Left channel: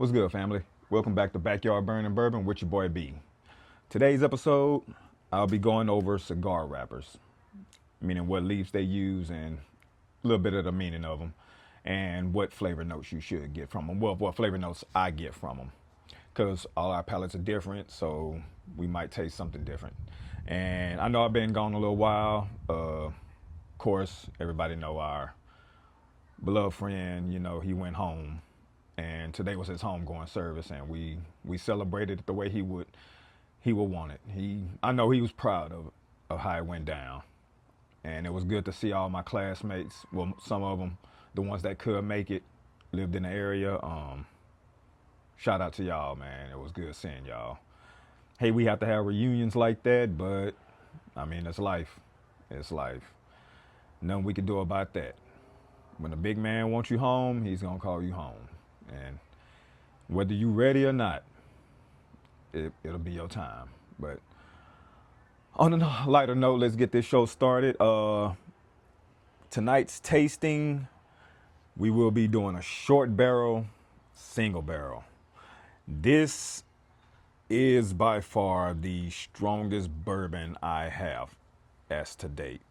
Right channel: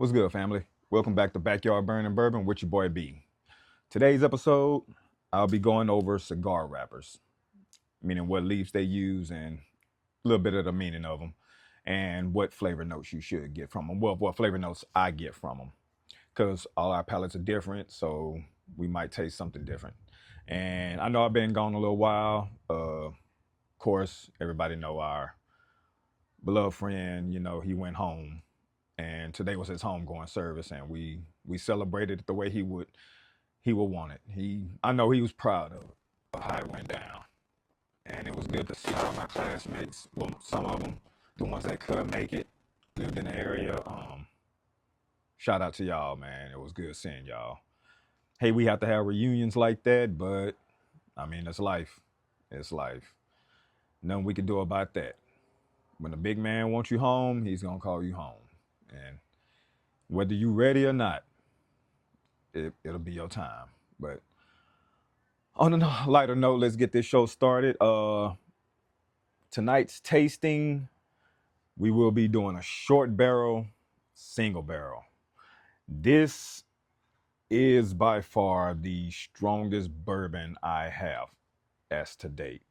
What's good, family? Welcome back to Backyard Burning Bourbon with your boy B. Today's episode, I'll be going over cigar wrappers, meaning what leaves they use and a little bit of the meaning of them, and what flavor notes you should get from them. Well, what flavor notes I get from them, because all our palates are different, so we might taste something different. And I know I've been gone a little while. Of course, everybody know our beloved friend. He went home and today was his homegoing service, and we celebrated it the way he would want it. I know he was proud of how it went down, and it was good to see all my classmates. Well, some of them, the ones that could make it, lived in the area. Shout out to y'all, man. It was good seeing y'all. Hey, we have to have reunions like that, but I mean, it's life. It's life. Nothing we can do about that. When the big man wants you home, he's gonna call you home. And whether you ready or not, it'll be your time. But on a lighter note, let's get this show started. Tonight's tasting, we will be doing a short barrel, single barrel. This is by far the strongest bourbon I have as to date.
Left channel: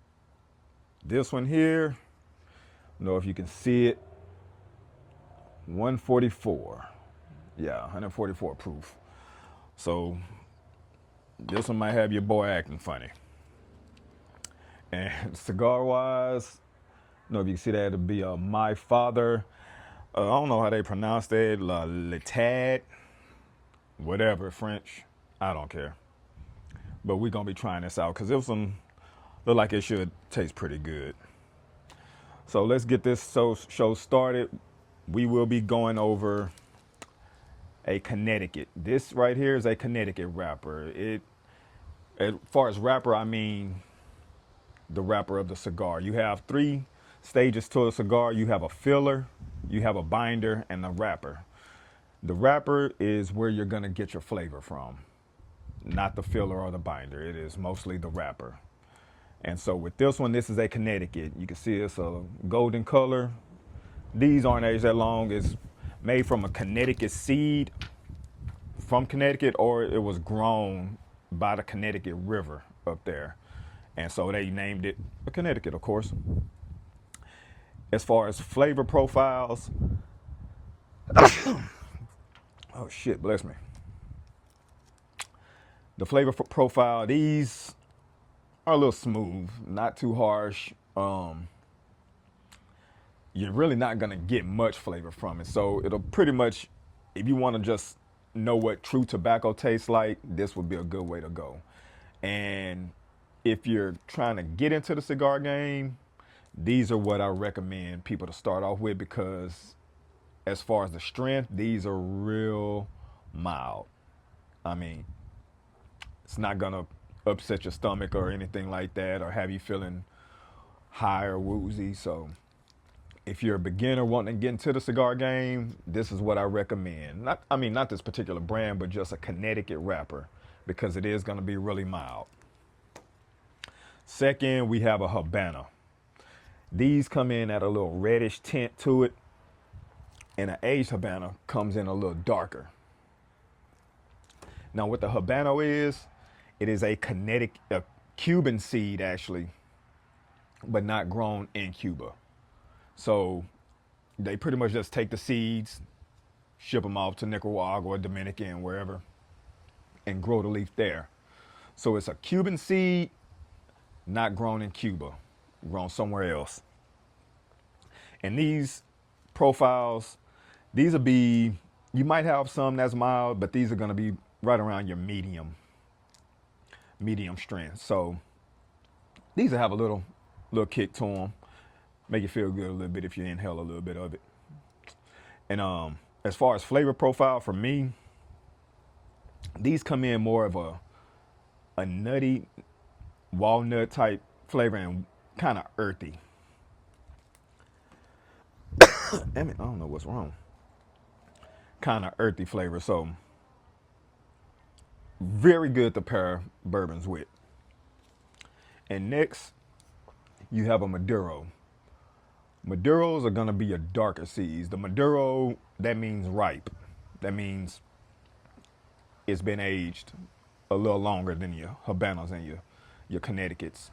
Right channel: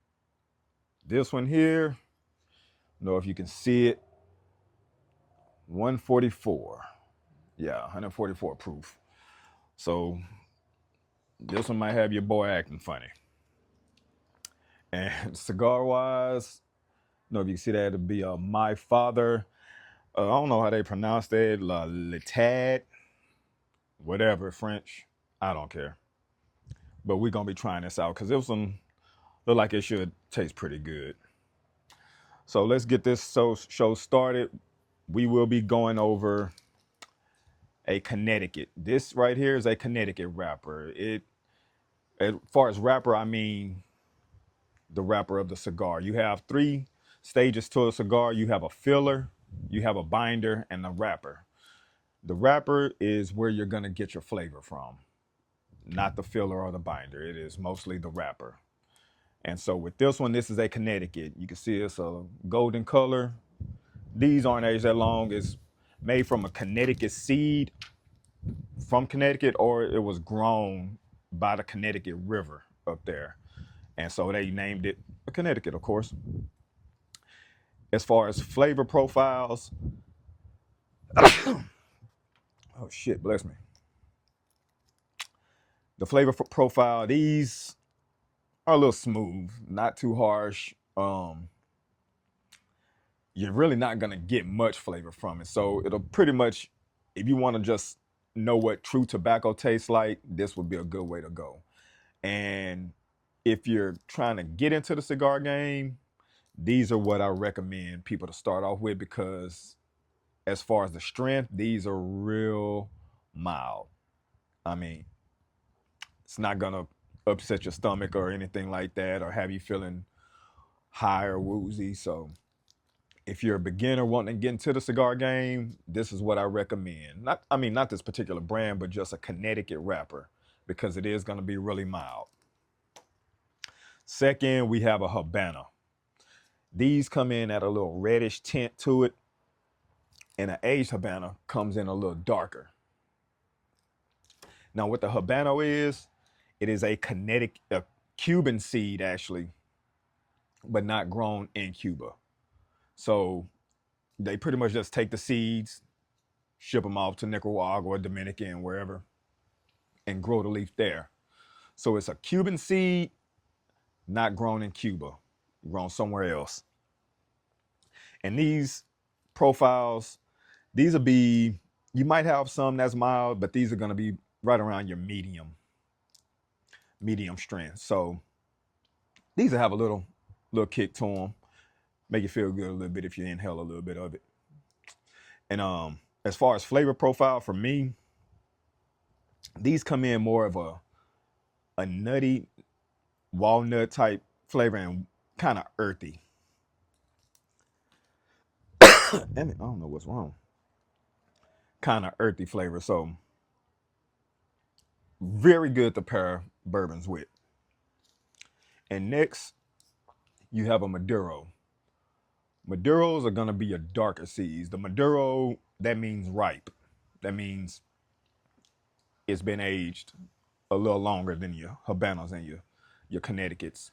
This one here, I don't know if you can see it, 144. Yeah, 144 proof. So this one might have your boy acting funny. And cigar wise, I don't know if you can see that, it'll be My Father. I don't know how they pronounce that. La Letad. Whatever, French. I don't care. But we're going to be trying this out because this one look like it should taste pretty good. So let's get this show started. We will be going over a Connecticut. This right here is a Connecticut wrapper. As far as wrapper, I mean the wrapper of the cigar. You have 3 stages to a cigar. You have a filler, you have a binder, and a wrapper. The wrapper is where you're going to get your flavor from, not the filler or the binder. It is mostly the wrapper. And so with this one, this is a Connecticut. You can see it's a golden color. These aren't aged that long. It's made from a Connecticut seed from Connecticut, or it was grown by the Connecticut River up there. And so they named it a Connecticut, of course. As far as flavor profiles, oh shit, bless me. The flavor profile, these are a little smooth, not too harsh. You're really not gonna get much flavor from it. So it'll pretty much, if you want to just know what true tobacco tastes like, this would be a good way to go. And if you're trying to get into the cigar game, these are what I recommend people to start off with, because as far as the strength, these are real mild. I mean, it's not gonna upset your stomach or anything like that, or have you feeling high or woozy. So if you're a beginner wanting to get into the cigar game, this is what I recommend. Not this particular brand, but just a Connecticut wrapper, because it is gonna be really mild. Second, we have a Habana. These come in at a little reddish tint to it, and an aged Habana comes in a little darker. Now what the Habano is, it is a Cuban seed actually, but not grown in Cuba. So they pretty much just take the seeds, ship them off to Nicaragua or Dominican, wherever, and grow the leaf there. So it's a Cuban seed, not grown in Cuba, grown somewhere else. And these profiles, these will be, you might have some that's mild, but these are going to be right around your medium strength. So these will have a little kick to them, make you feel good a little bit if you inhale a little bit of it. And as far as flavor profile for me, these come in more of a nutty walnut type flavor and kind of earthy. Damn it, I don't know what's wrong. Kind of earthy flavor. So very good to pair bourbons with. And next, you have a Maduro. Maduros are going to be your darker seeds. The Maduro, that means ripe. That means it's been aged a little longer than your Habanos and your Connecticut's.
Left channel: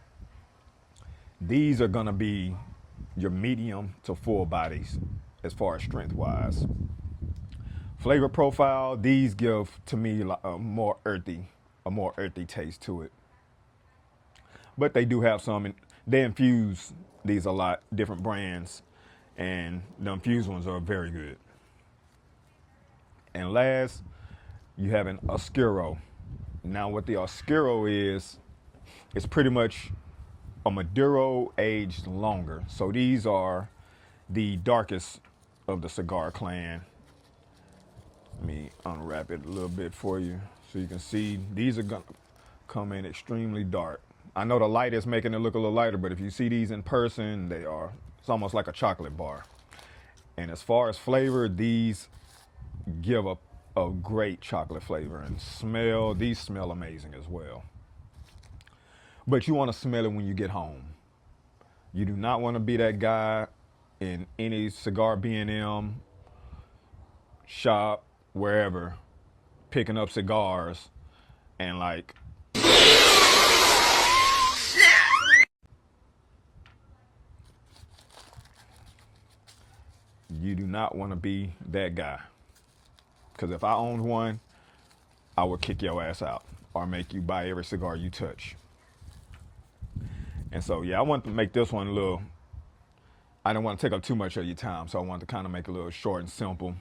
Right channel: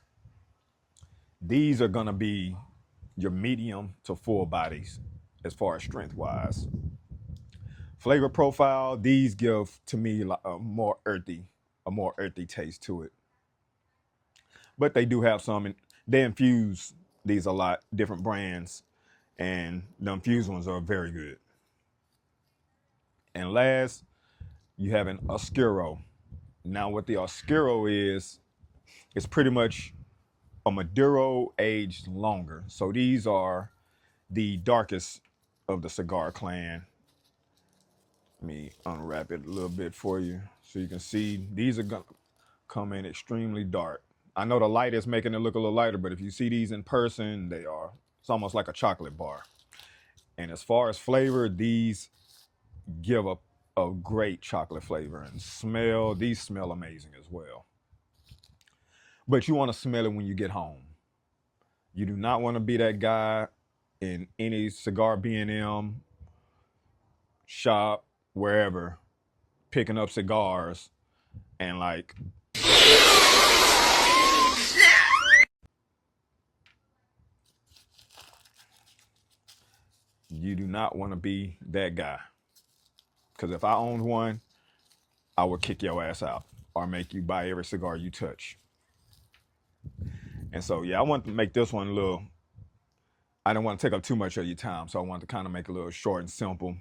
These are gonna be your medium to full bodies as far as strength wise. Flavor profile, these give to me like a more earthy taste to it. But they do have some, they infuse these a lot, different brands, and the infused ones are very good. And last, you have an Oscuro. Now, what the Oscuro is, it's pretty much a Maduro aged longer. So these are the darkest of the cigar clan. Let me unwrap it a little bit for you so you can see. These are gonna come in extremely dark. I know the light is making it look a little lighter, but if you see these in person, it's almost like a chocolate bar. And as far as flavor, these give a great chocolate flavor, and these smell amazing as well. But you want to smell it when you get home. You do not want to be that guy in any cigar B&M shop, wherever, picking up cigars and like you do not want to be that guy. Because if I owned one, I would kick your ass out or make you buy every cigar you touch. And so, yeah, I want to make this one I don't want to take up too much of your time. So I want to kind of make it a little short and simple.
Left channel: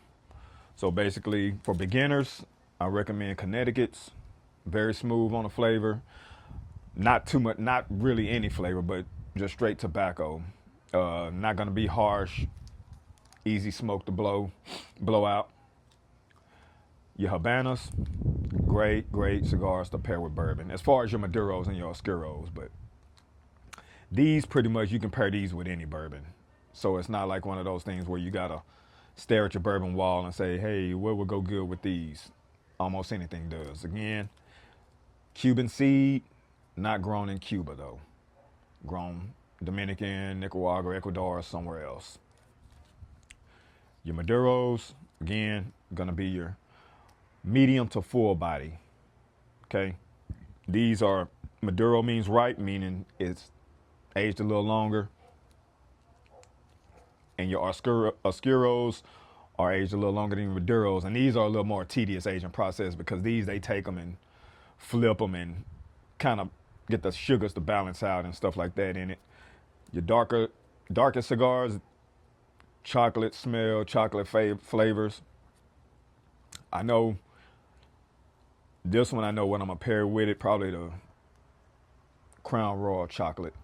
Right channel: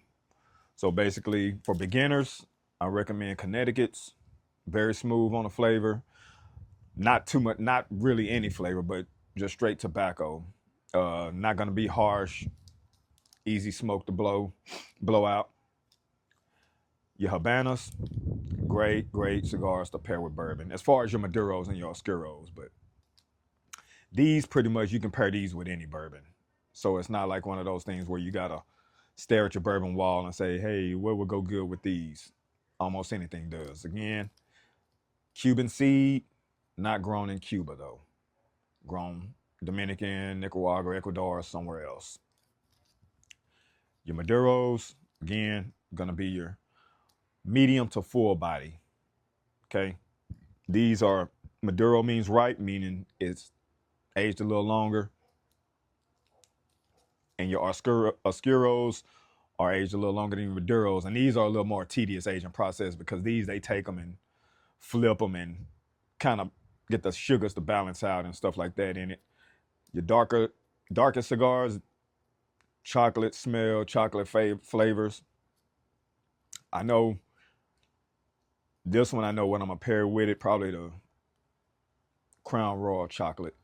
So basically, for beginners, I recommend Connecticut's. Very smooth on the flavor. Not too much, not really any flavor, but just straight tobacco. Not going to be harsh. Easy smoke to blow out. Your Habanas, great cigars to pair with bourbon. As far as your Maduros and your Oscuros, but these pretty much you can pair these with any bourbon. So it's not like one of those things where you gotta stare at your bourbon wall and say, hey, what would go good with these? Almost anything does. Again, Cuban seed, not grown in Cuba though. Grown Dominican, Nicaragua, Ecuador, or somewhere else. Your Maduros, again, gonna be your medium to full body. Okay. These are, Maduro means ripe, meaning it's aged a little longer. And your Oscuros are aged a little longer than your Maduros. And these are a little more tedious aging process because they take them and flip them and kind of get the sugars to balance out and stuff like that in it. Your darker cigars, chocolate smell, chocolate flavors. I know this one, I know what I'm going to pair with it, probably the Crown Royal chocolate.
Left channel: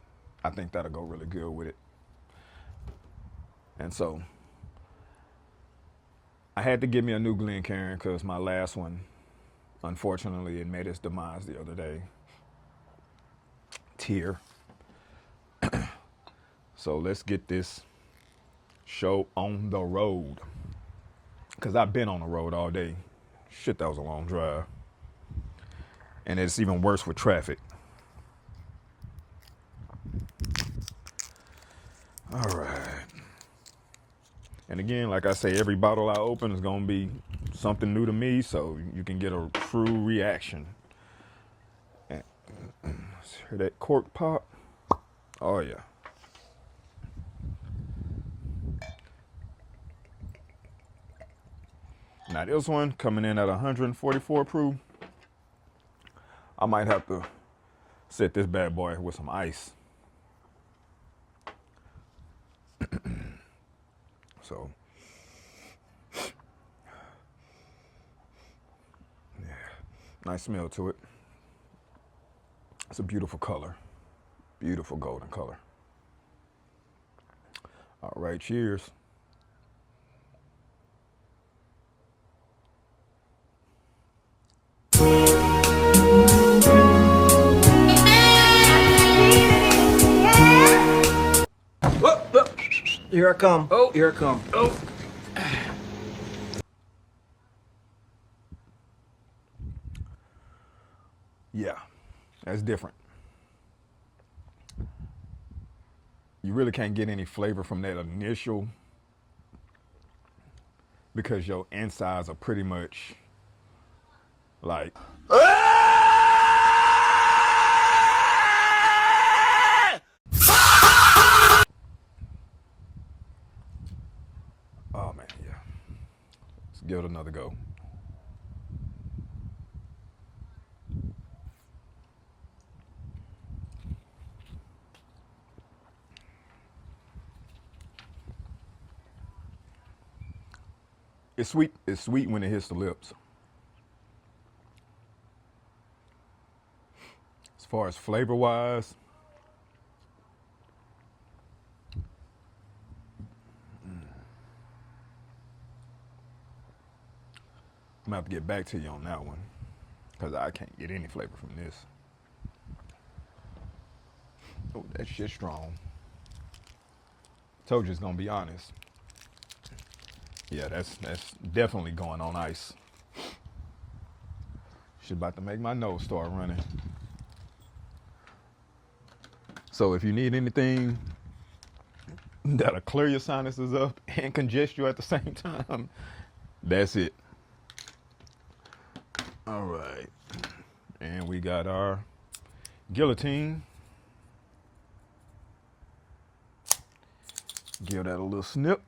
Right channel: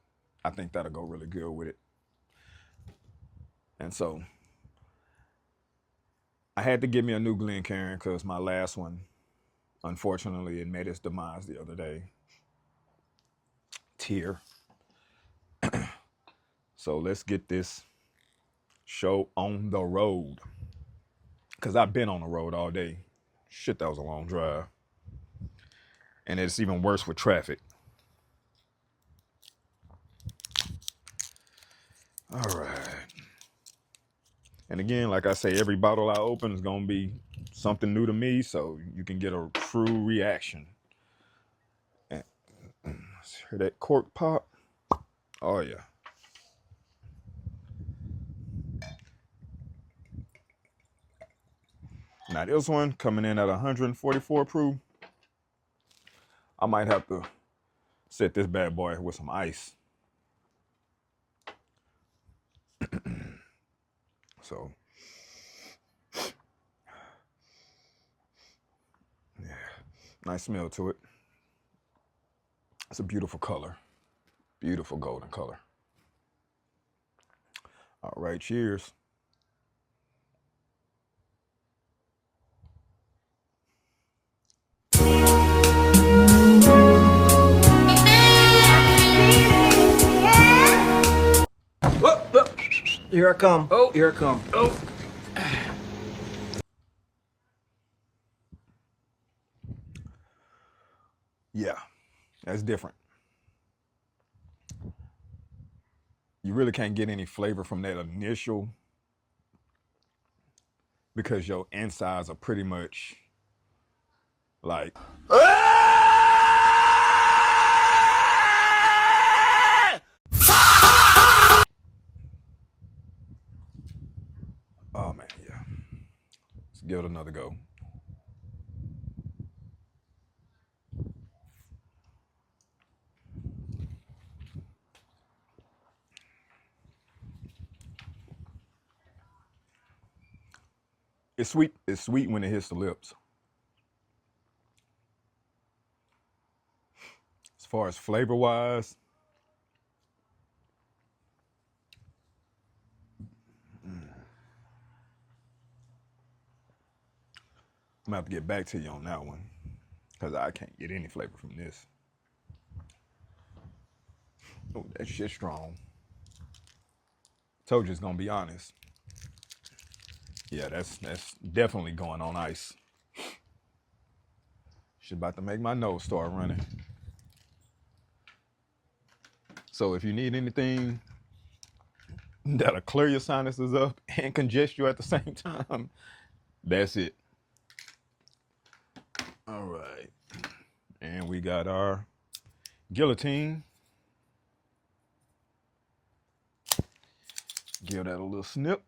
I think that'll go really good with it. And so I had to give me a new Glencairn because my last one, unfortunately, it made its demise the other day. Tear. So let's get this show on the road. Because I've been on the road all day. Shit, that was a long drive. And it's even worse with traffic. All right. And again, like I say, every bottle I open is going to be something new to me, so you can get a true reaction. And let's hear that cork pop. Oh, yeah. Now, this one coming in at 144 proof. I might have to set this bad boy with some ice. So, yeah, nice smell to it. It's a beautiful color. Beautiful golden color. All right, cheers. Here I come. Oh. Here I come. Oh. Yeah, that's different. You really can't get any flavor from that initial because your insides are pretty much like, oh man, yeah. Let's give it another go. It's sweet. It's sweet when it hits the lips. As far as flavor wise, I'm gonna have to get back to you on that one because I can't get any flavor from this. Oh, that shit's strong. Told you it's gonna be honest. Yeah, that's definitely going on ice. Shit about to make my nose start running. So if you need anything that'll clear your sinuses up and congest you at the same time, that's it. All right. And we got our guillotine. Give that a little snip.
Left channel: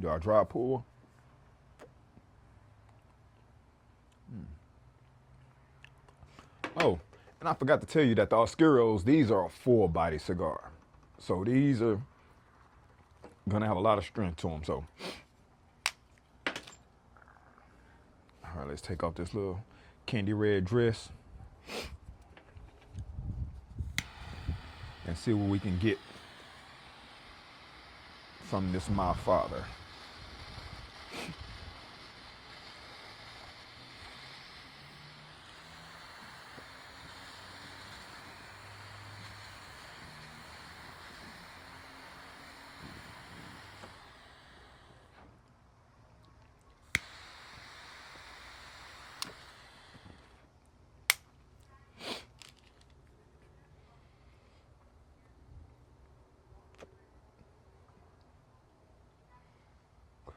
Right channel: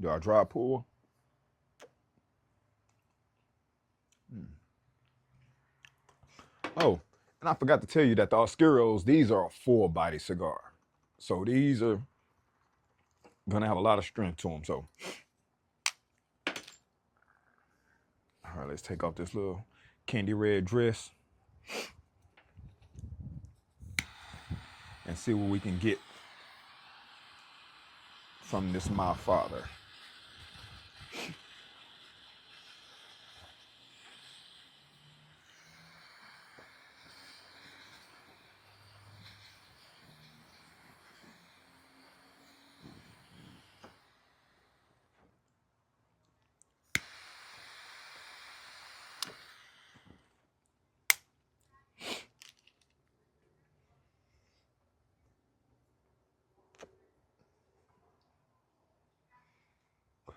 Do our dry pour. Oh, and I forgot to tell you that the Oscuros, these are a full body cigar. So these are gonna have a lot of strength to them. So, all right, let's take off this little candy red dress and see what we can get from this My Father.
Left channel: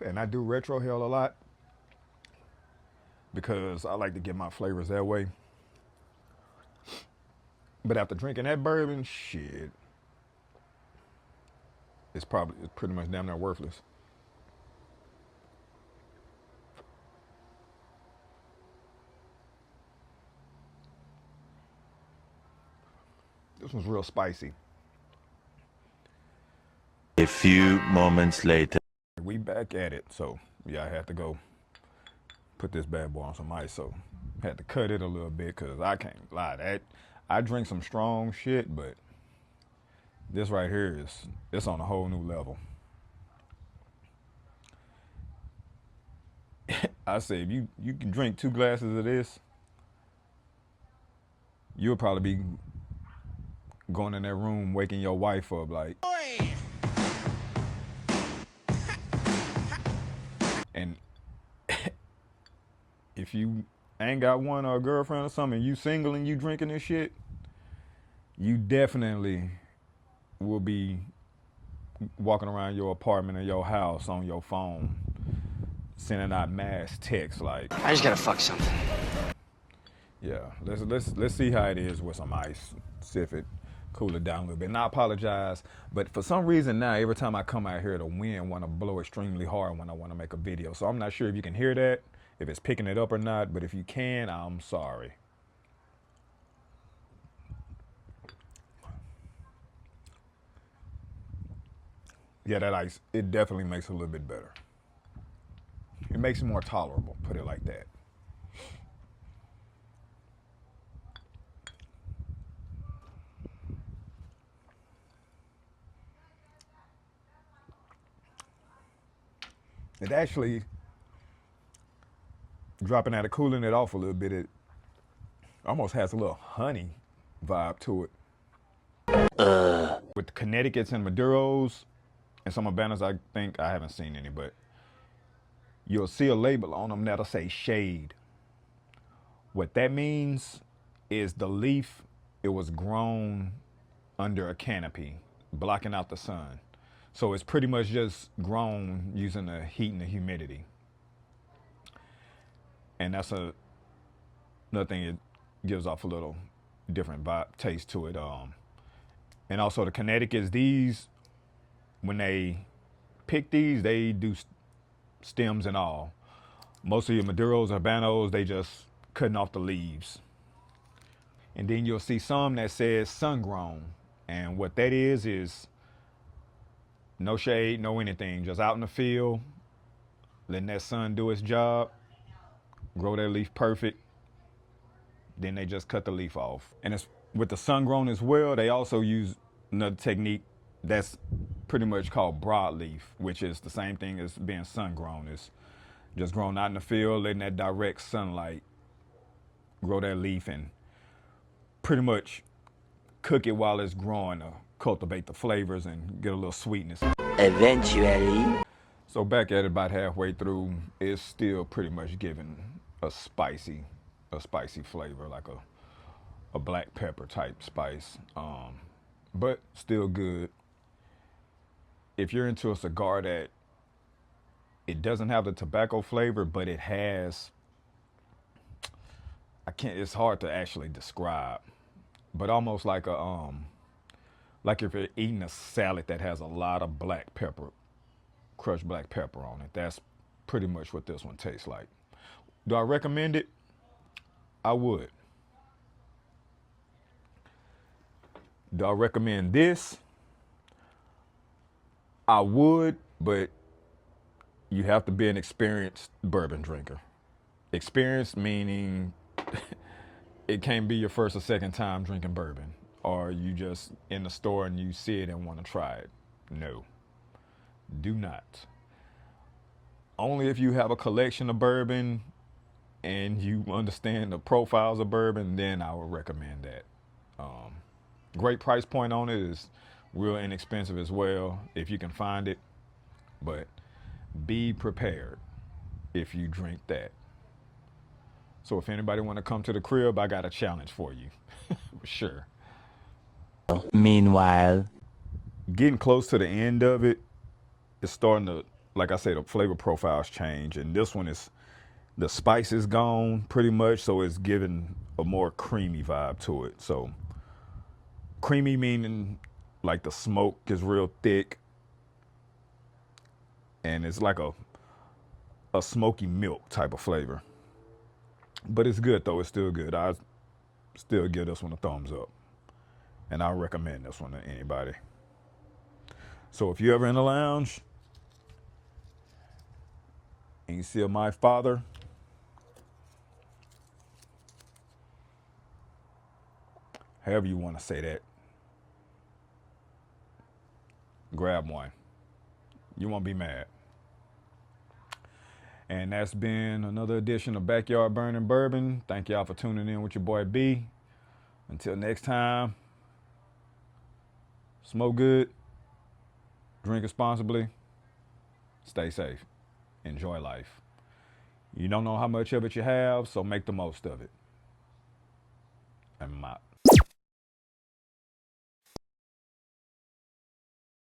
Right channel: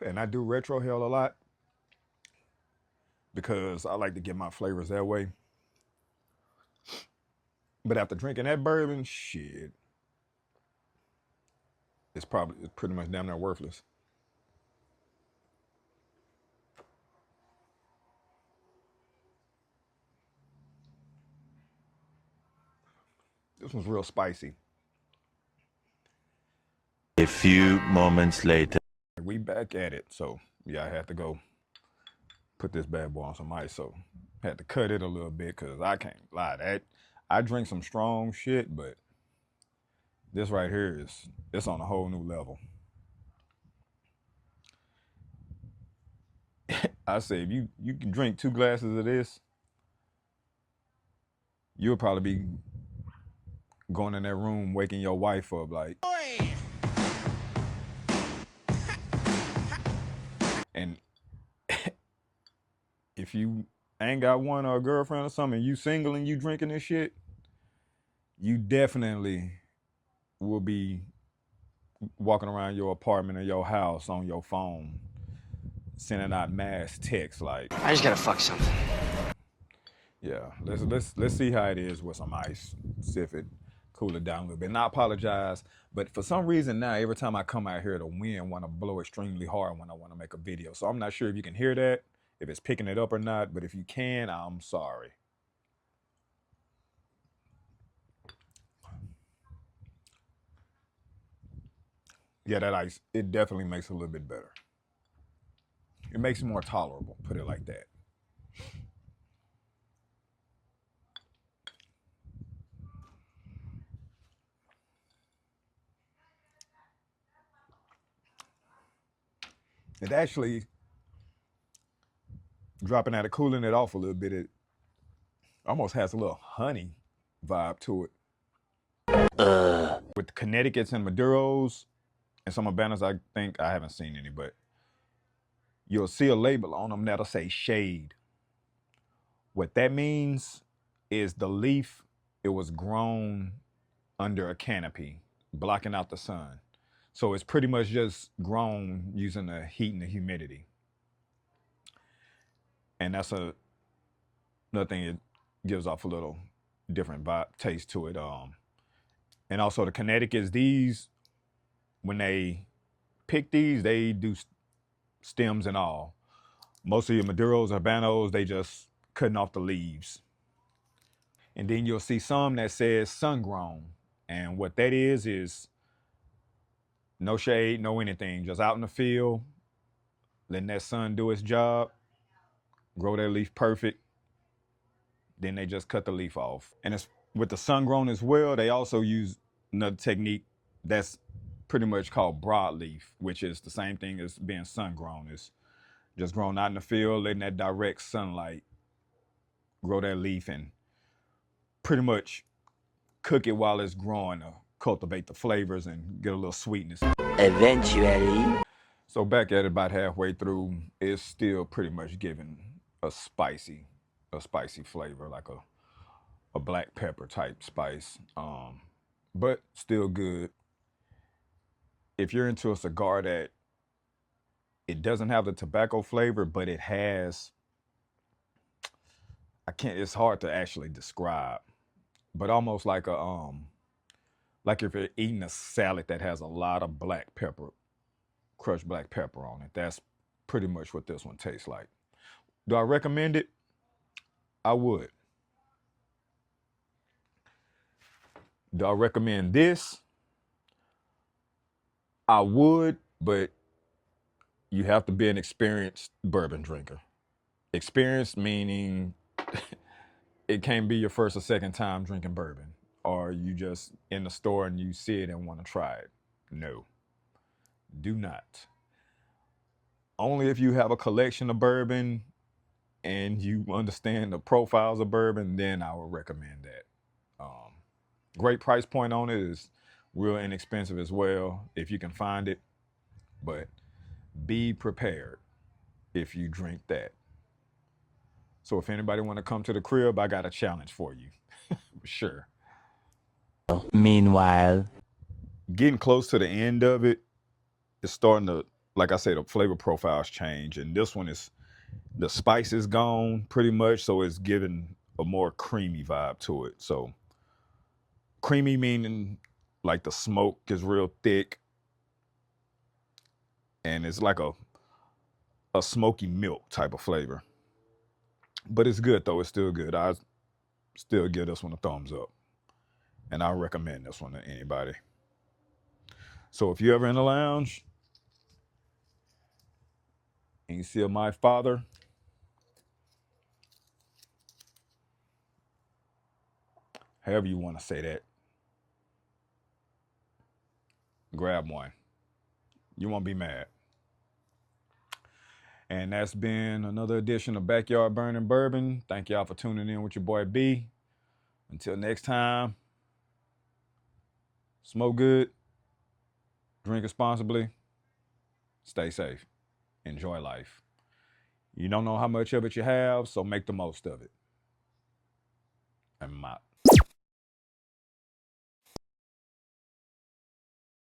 And I do retro hell a lot because I like to get my flavors that way. But after drinking that bourbon, shit, it's pretty much damn near worthless. This one's real spicy. A few moments later. We back at it. So yeah, I had to go put this bad boy on some ice. So had to cut it a little bit because I can't lie. That I drink some strong shit, but this right here it's on a whole new level. I say if you can drink 2 glasses of this, you'll probably be going in that room waking your wife up like, and if you ain't got one or a girlfriend or something, you single and you drinking this shit, you definitely will be walking around your apartment or your house on your phone, sending out mass texts like, I just gotta fuck something. yeah, let's see how it is with some ice. See if it cool it down a little bit. And I apologize, but for some reason now, every time I come out here, the wind want to blow extremely hard when I want to make a video. So I'm not sure if you can hear that, if it's picking it up or not, but if you can, I'm sorry. Yeah, that ice, it definitely makes it a little bit better. It makes it more tolerable, put it like that. It actually, dropping out of cooling it off a little bit, it almost has a little honey vibe to it. With the Connecticut's and Maduros and some Habanos, I think, I haven't seen any, but you'll see a label on them that'll say shade. What that means is the leaf, it was grown under a canopy, blocking out the sun. So it's pretty much just grown using the heat and the humidity. And that's another thing, it gives off a little different vibe, taste to it. And also the Connecticut's, these, when they pick these, they do stems and all. Most of your Maduros, Habanos, they just cutting off the leaves. And then you'll see some that says sun grown. And what that is no shade, no anything, just out in the field, letting that sun do its job, grow that leaf perfect. Then they just cut the leaf off. And it's with the sun grown as well, they also use another technique that's pretty much called broadleaf, which is the same thing as being sun grown. It's just grown out in the field, letting that direct sunlight grow that leaf and pretty much cook it while it's growing to cultivate the flavors and get a little sweetness. Eventually. So back at it about halfway through, it's still pretty much giving a spicy flavor, like a black pepper type spice, but still good. If you're into a cigar that it doesn't have the tobacco flavor, but it has, it's hard to actually describe, but almost like like if you're eating a salad that has a lot of black pepper, crushed black pepper on it. That's pretty much what this one tastes like. Do I recommend it? I would. Do I recommend this? I would, but you have to be an experienced bourbon drinker. Experienced meaning it can't be your first or second time drinking bourbon, or you just in the store and you see it and want to try it. No, do not. Only if you have a collection of bourbon and you understand the profiles of bourbon, then I would recommend that. Great price point on it, is real inexpensive as well if you can find it, but be prepared if you drink that. So if anybody want to come to the crib, I got a challenge for you. Sure. Meanwhile, Getting close to the end of it, it's starting to, like I said, the flavor profiles change, and this one is, the spice is gone pretty much, so it's giving a more creamy vibe to it. So creamy meaning like the smoke is real thick, and it's like a smoky milk type of flavor. But it's good though, it's still good. I still give this one a thumbs up, and I recommend this one to anybody. So if you're ever in a lounge and you see a My Father, however you want to say that, grab one. You won't be mad. And that's been another edition of Backyard Burning Bourbon. Thank y'all for tuning in with your boy B. Until next time, smoke good, drink responsibly, stay safe, enjoy life. You don't know how much of it you have, so make the most of it. And I'm out.